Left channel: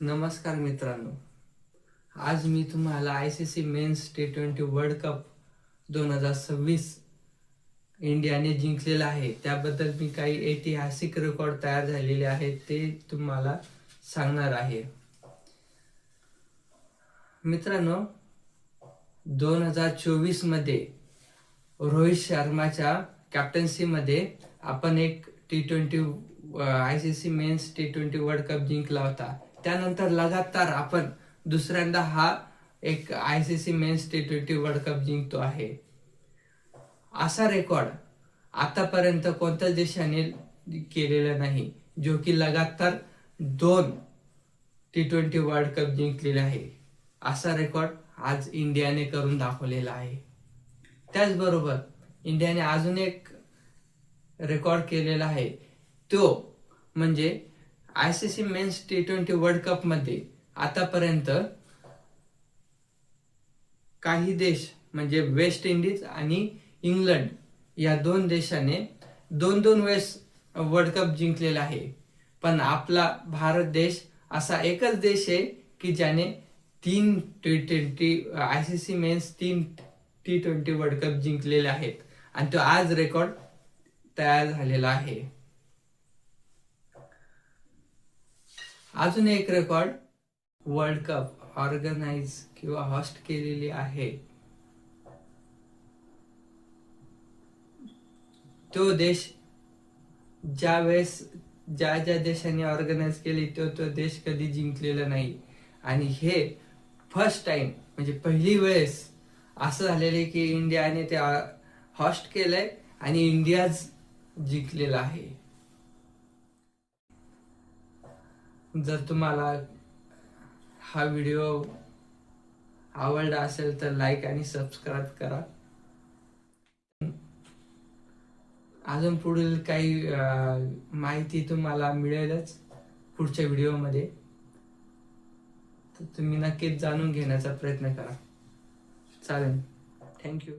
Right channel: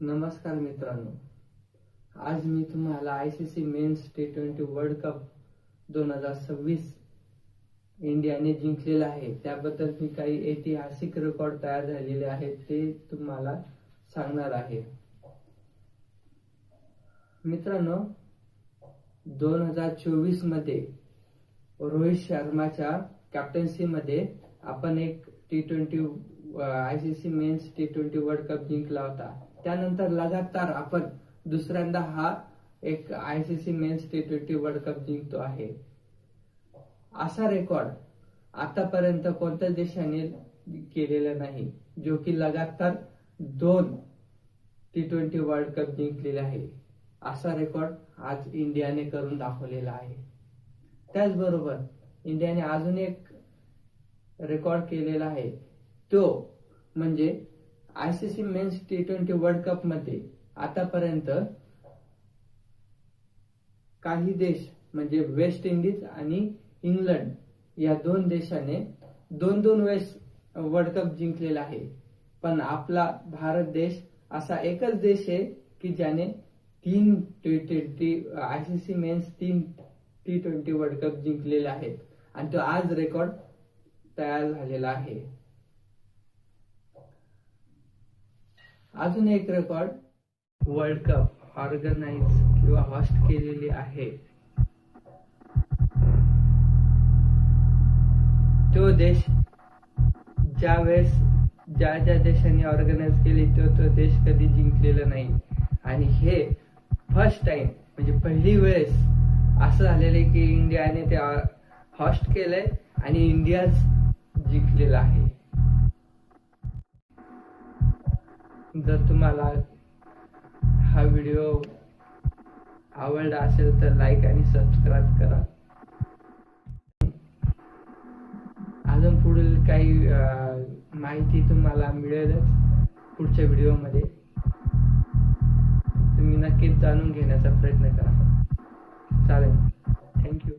नमस्कार मित्रांनो, आज मी तुम्हाला ICC men's T20 world cup 2026 इंडियाने जिंकलेला आहे त्याबद्दल मी काही ऐतिहासिक रेकॉर्ड तयार झालेले आहेत ते तुम्हाला सांगणार आहे. मित्रांनो, 2024 मध्ये रोहित शर्माच्या कॅप्टन्सीमध्ये आपण एक ICC men's T20 world cup जिंकला होता. त्यानंतर लगातार आपण दुसऱ्यांदा हा एक ICC men's T20 world cup जिंकतो आहे. असा रेकॉर्ड आतापर्यंत कोणत्याच देशाने केलेला नाही, जो की लगातार 2 T20 वर्ल्ड कप जिंकलेले आहे. असा रेकॉर्ड आज इंडियाने करून दाखवलेला आहे. त्याचबरोबर इंडियाने अजून एक रेकॉर्ड केलेला आहे, तो म्हणजे ICC men's T20 world cup मध्ये आतापर्यंत काही देश म्हणजे वेस्ट इंडिज आणि इंग्लंड या 2 देशाने 2-2 वेळेस वर्ल्ड कप जिंकलेला आहे. पण आपला भारत देश असा एकच देश आहे की ज्याने 3 ICC men's 3 T20 world cup जिंकलेले आहेत आणि तो आज रेकॉर्ड तयार झालेला आहे. अजून एक रेकॉर्ड वर्ल्ड कप ऑर्गनाइज किंवा होस्ट केलेली आहे. तो देश ज्या देशाने ऑर्गनाइज केली तो देश कधी जिंकलेला नाही आणि हे फर्स्ट टाइम म्हणजे पहिली वेळेस असं झालेलं आहे की इंडियाने ते होस्ट केलंय आणि इंडियाच जिंकलेला आहे. जर तुम्हाला हा व्हिडिओ आवडला असेल तर लाईक आणि सबस्क्राईब करा. अजून पुढील काही माहिती तुम्हाला मिळेलच पुढच्या व्हिडिओमध्ये. तुम्ही नक्कीच जाणून घेण्याचा प्रयत्न करा. चालेल, थँक्यू.